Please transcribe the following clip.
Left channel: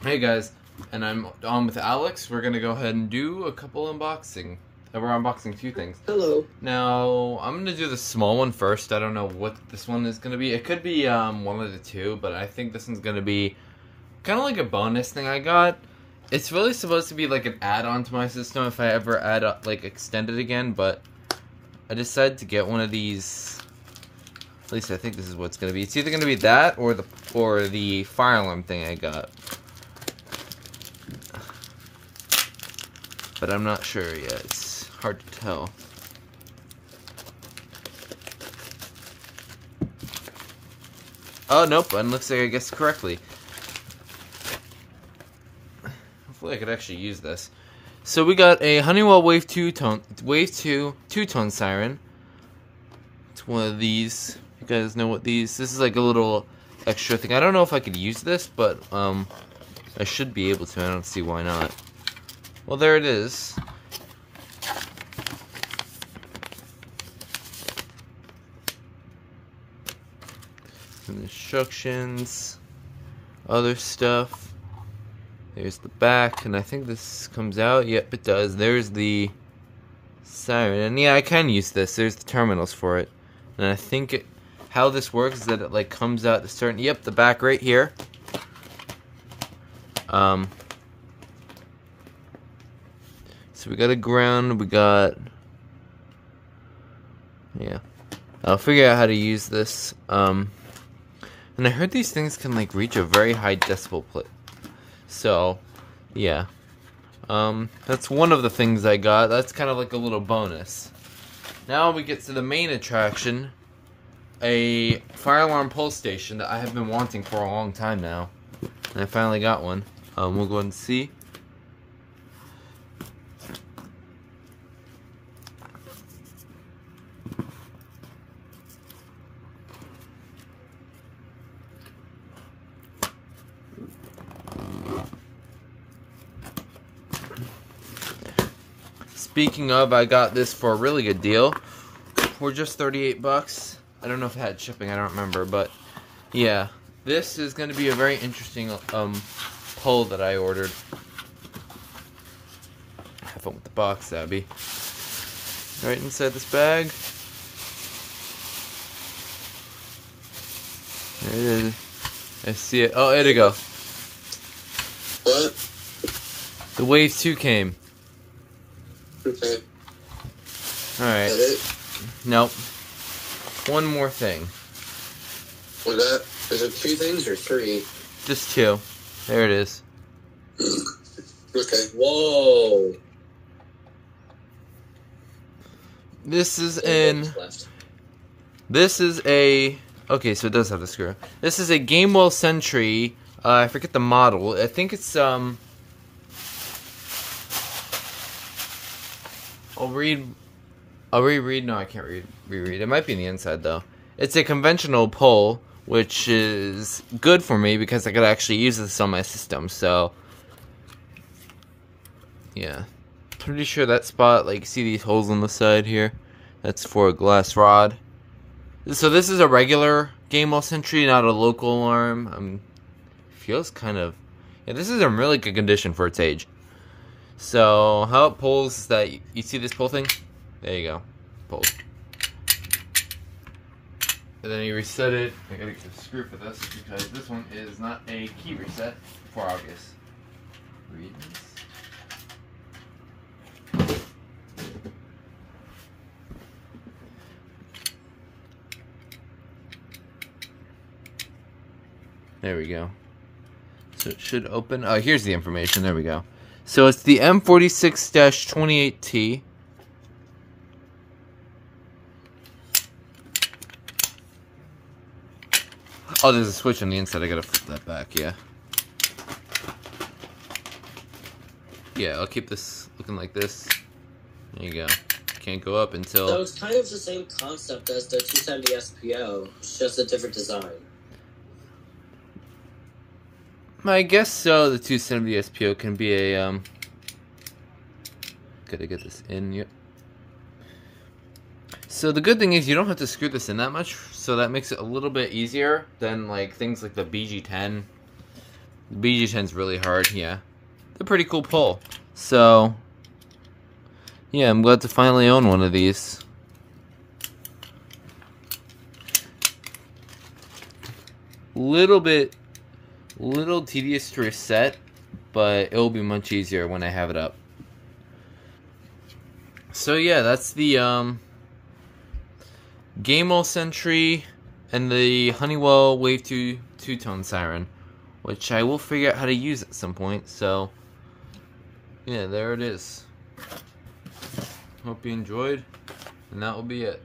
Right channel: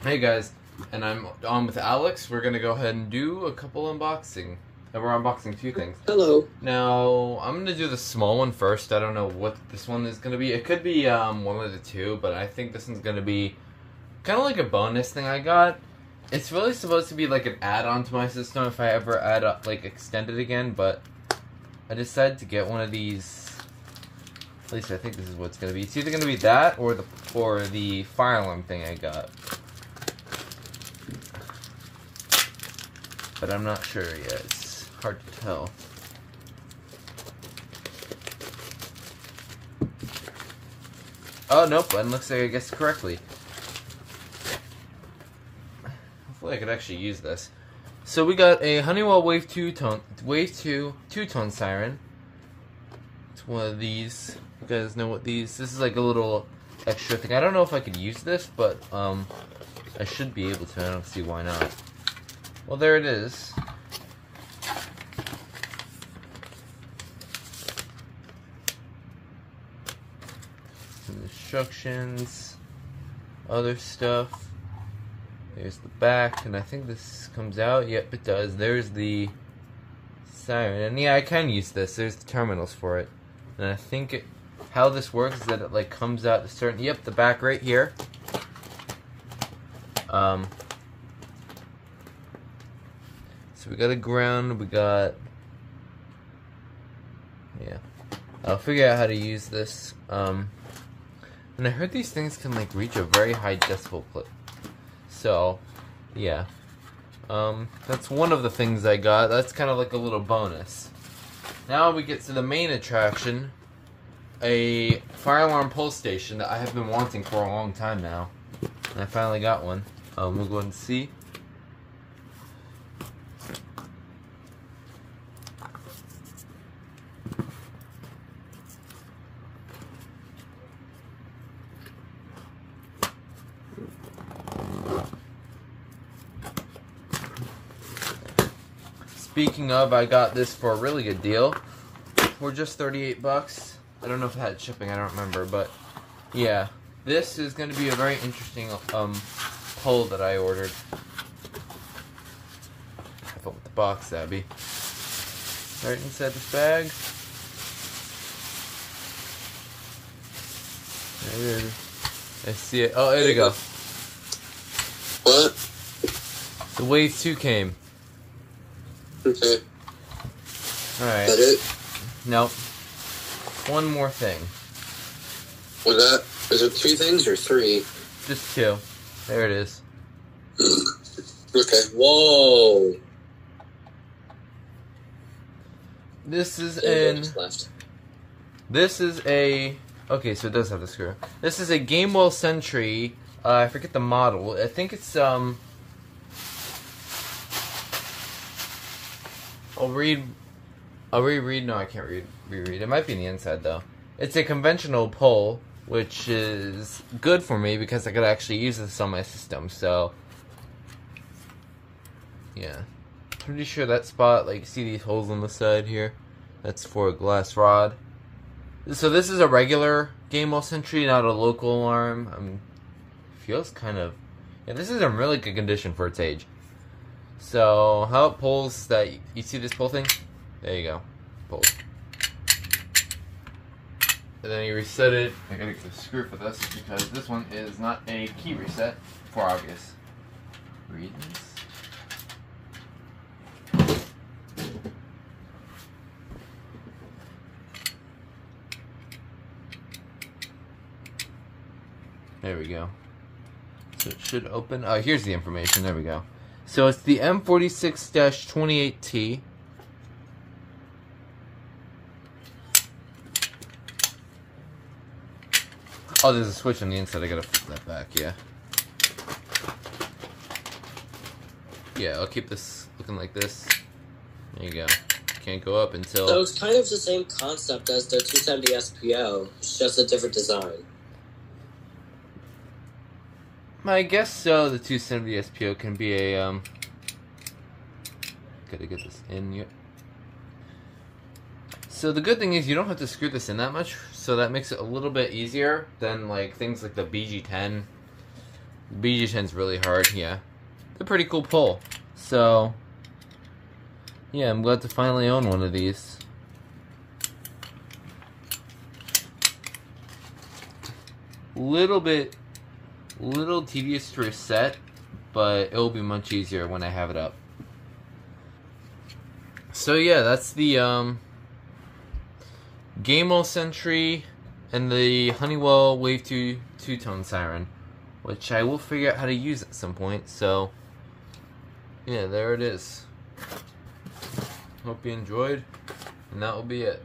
Hey guys, and I'm on with Alex. We're gonna go ahead and do a couple unboxing. We're unboxing a few things. Hello. Now, I'm gonna do the small one first. I don't know what this one is gonna be. It could be one of the two, but I think this one's gonna be kind of like a bonus thing I got. It's really supposed to be like an add-on to my system if I ever extend it again, but I decided to get one of these. At least I think this is what it's gonna be. It's either gonna be that or the fire alarm thing I got. But I'm not sure yet. It's hard to tell. Oh, nope. It looks like I guessed correctly. Hopefully I could actually use this. So we got a Honeywell Wave 2 two-tone siren. It's one of these. You guys know what this is like a little extra thing. I don't know if I could use this, but I should be able to. I don't see why not. Well, there it is. Some instructions, other stuff. There's the back, and I think this comes out. Yep, it does. There's the siren, and yeah, I can use this. There's the terminals for it, and I think how this works is that it like comes out to certain. Yep, the back right here. So we got a ground, we got, yeah, I'll figure out how to use this, and I heard these things can, like, reach a very high decibel plate, so, yeah, that's one of the things I got. That's kind of like a little bonus. Now we get to the main attraction, a fire alarm pulse station that I have been wanting for a long time now, and I finally got one. We'll go and see. Speaking of, I got this for a really good deal. For just 38 bucks. I don't know if it had shipping, I don't remember, but yeah. This is going to be a very interesting pull that I ordered. Have fun with the box, Abby. Right inside this bag. There it is. I see it. Oh, there you go. What? The Wave 2 came. Okay. Alright. Is that it? Nope. One more thing. Was that? Is it two things or three? Just two. There it is. Okay. Whoa. This is This is a. Okay, so it does have the screw. This is a Gamewell Sentry. I forget the model. I think it's I'll reread. No, I can't reread. It might be in the inside though. It's a conventional pull, which is good for me because I could actually use this on my system. So, yeah, pretty sure that spot, like, see these holes on the side here? That's for a glass rod. So this is a regular Gamewell Sentry, not a local alarm. Feels kind of, yeah. This is in really good condition for its age. So how it pulls is that you see this pull thing? There you go, pull. And then you reset it. I gotta get the screw for this because this one is not a key reset for obvious reasons. There we go. So it should open. Oh, here's the information. There we go. So it's the M46-28T. Oh, there's a switch on the inside. I gotta flip that back, yeah. Yeah, I'll keep this looking like this. There you go. Can't go up until... So it's kind of the same concept as the 270 SPO. It's just a different design. I guess so. The 270 SPO can be a, Gotta get this in, yep. So the good thing is you don't have to screw this in that much, so that makes it a little bit easier than like things like the BG10 BG10's really hard, yeah. They're a pretty cool pull. So, yeah, I'm glad to finally own one of these. Little tedious to reset, but it'll be much easier when I have it up. So yeah, that's the Gamewell Sentry and the Honeywell Wave2 two-tone Siren, which I will figure out how to use at some point. So yeah, there it is. Hope you enjoyed, and that will be it.